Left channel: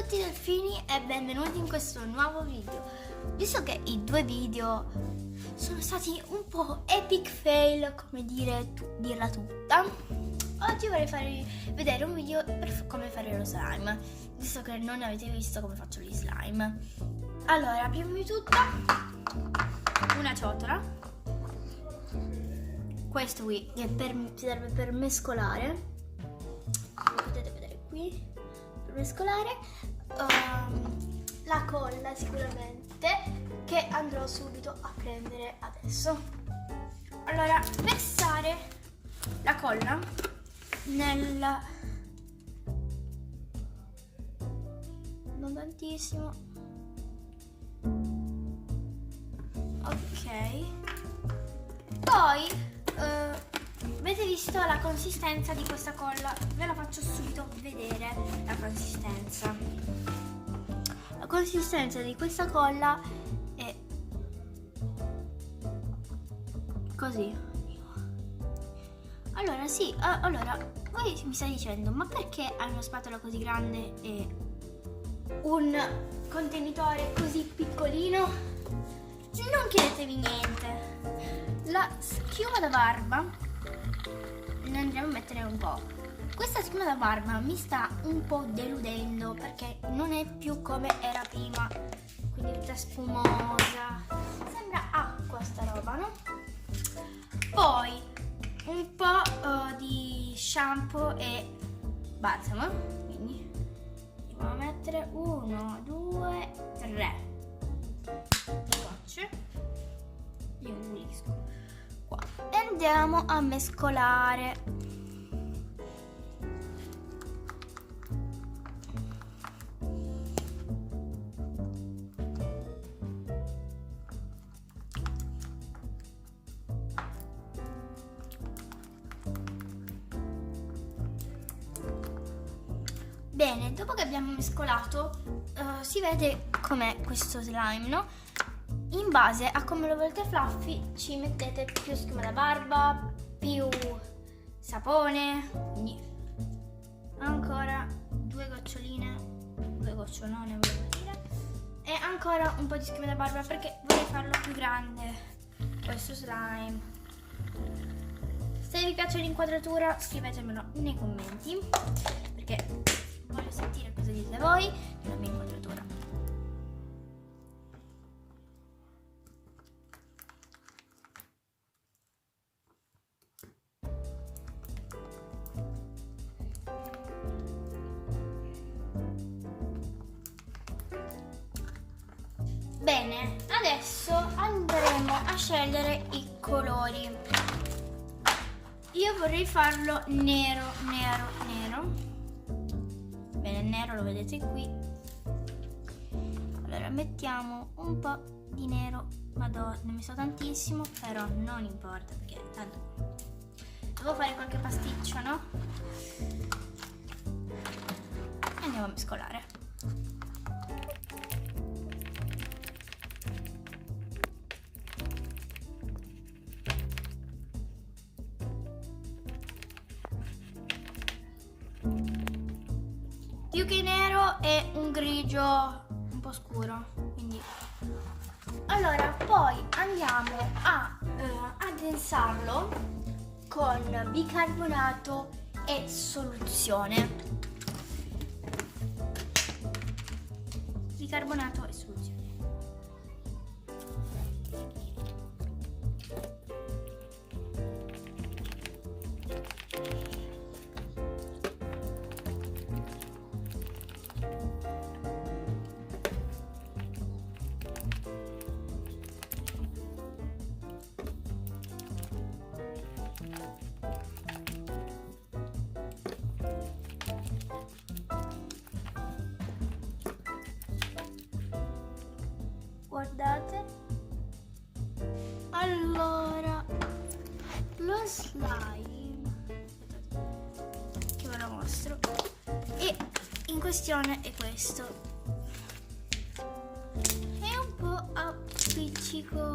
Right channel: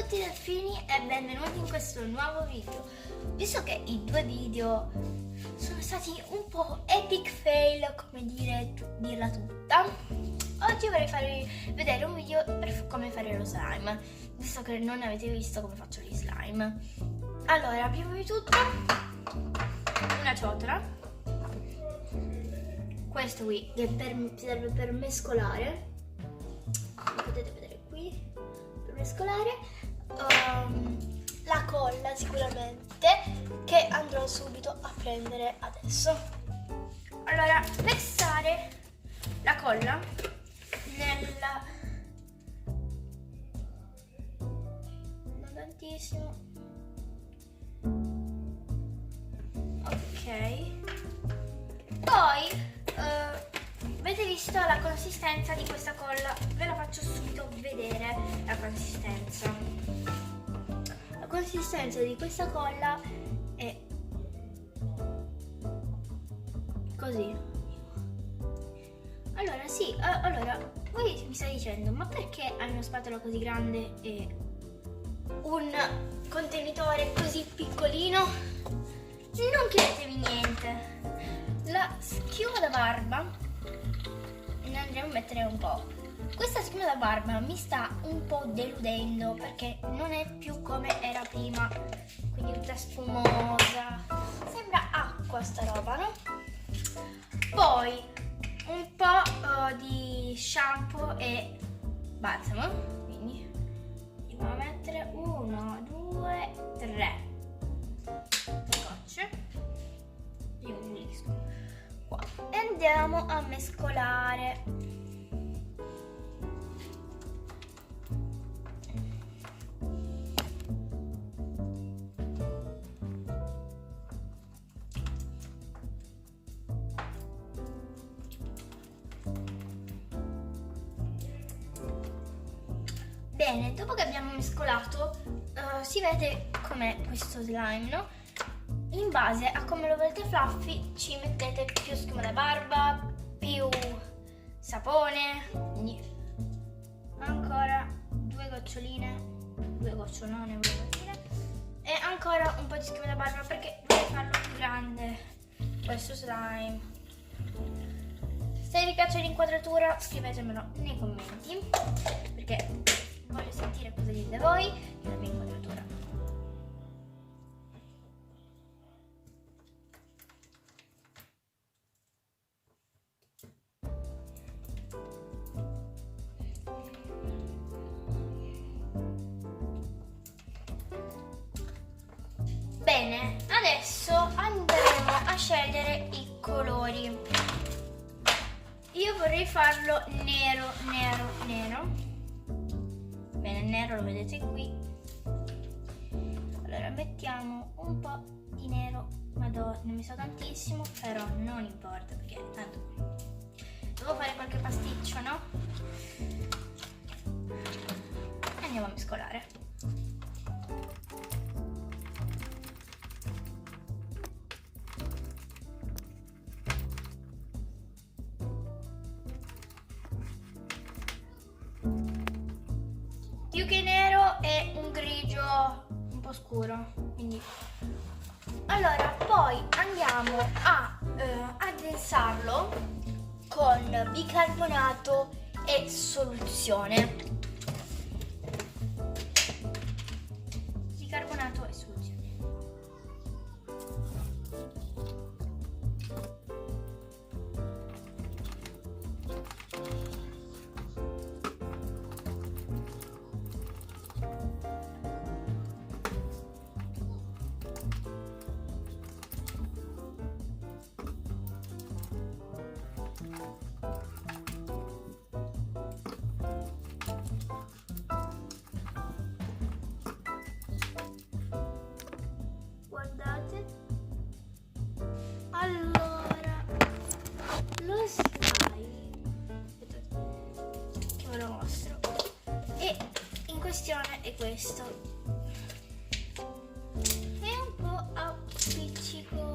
tutti delfini e benvenuti in questo nuovo video. Visto che i due video sono stati un po' epic fail, come dirla tutta, oggi vorrei farvi vedere un video per come fare lo slime, visto che non avete visto come faccio gli slime. Allora, prima di tutto una ciotola, questo qui che serve per mescolare, potete vedere qui, per mescolare la colla sicuramente, che andrò subito a prendere adesso. Allora, versare la colla nella, non tantissimo, ok. Poi avete visto la consistenza di questa colla? Ve la faccio subito vedere la consistenza. La consistenza di questa colla è così. Allora sì, allora voi mi state dicendo, ma perché hai una spatola così grande e un contenitore così piccolino? Non chiedetevi niente. La schiuma da barba ne andremo a mettere un po'. Questa schiuma da barba mi sta un po' deludendo perché non è più come era prima, quindi tutta schiumosa, sembra acqua sta roba, no? Poi un po' di shampoo e balsamo, quindi andiamo a mettere 1, 2, 3 gocce. Io pulisco qua e andiamo a mescolare. Bene, dopo che abbiamo mescolato si vede com'è questo slime, no? In base a come lo volete fluffy ci mettete più schiuma da barba, più sapone, quindi ancora due gocciolone, e ancora un po' di schiuma da barba perché vorrei farlo più grande questo slime. Se vi piace l'inquadratura scrivetemelo nei commenti perché voglio sentire cosa dite voi della mia inquadratura. Bene, adesso andremo a scegliere i colori. Io vorrei farlo nero. Bene, il nero lo vedete qui. Allora mettiamo un po' di nero, ma non mi so tantissimo, però non importa perché tanto devo fare qualche pasticcio, no? E andiamo a mescolare. Più che nero è un grigio un po' scuro, quindi allora poi andiamo a addensarlo con bicarbonato e soluzione. Bicarbonato e soluzione. Guardate, allora lo slime che ve lo mostro e in questione è questo, è un po' appiccicoso.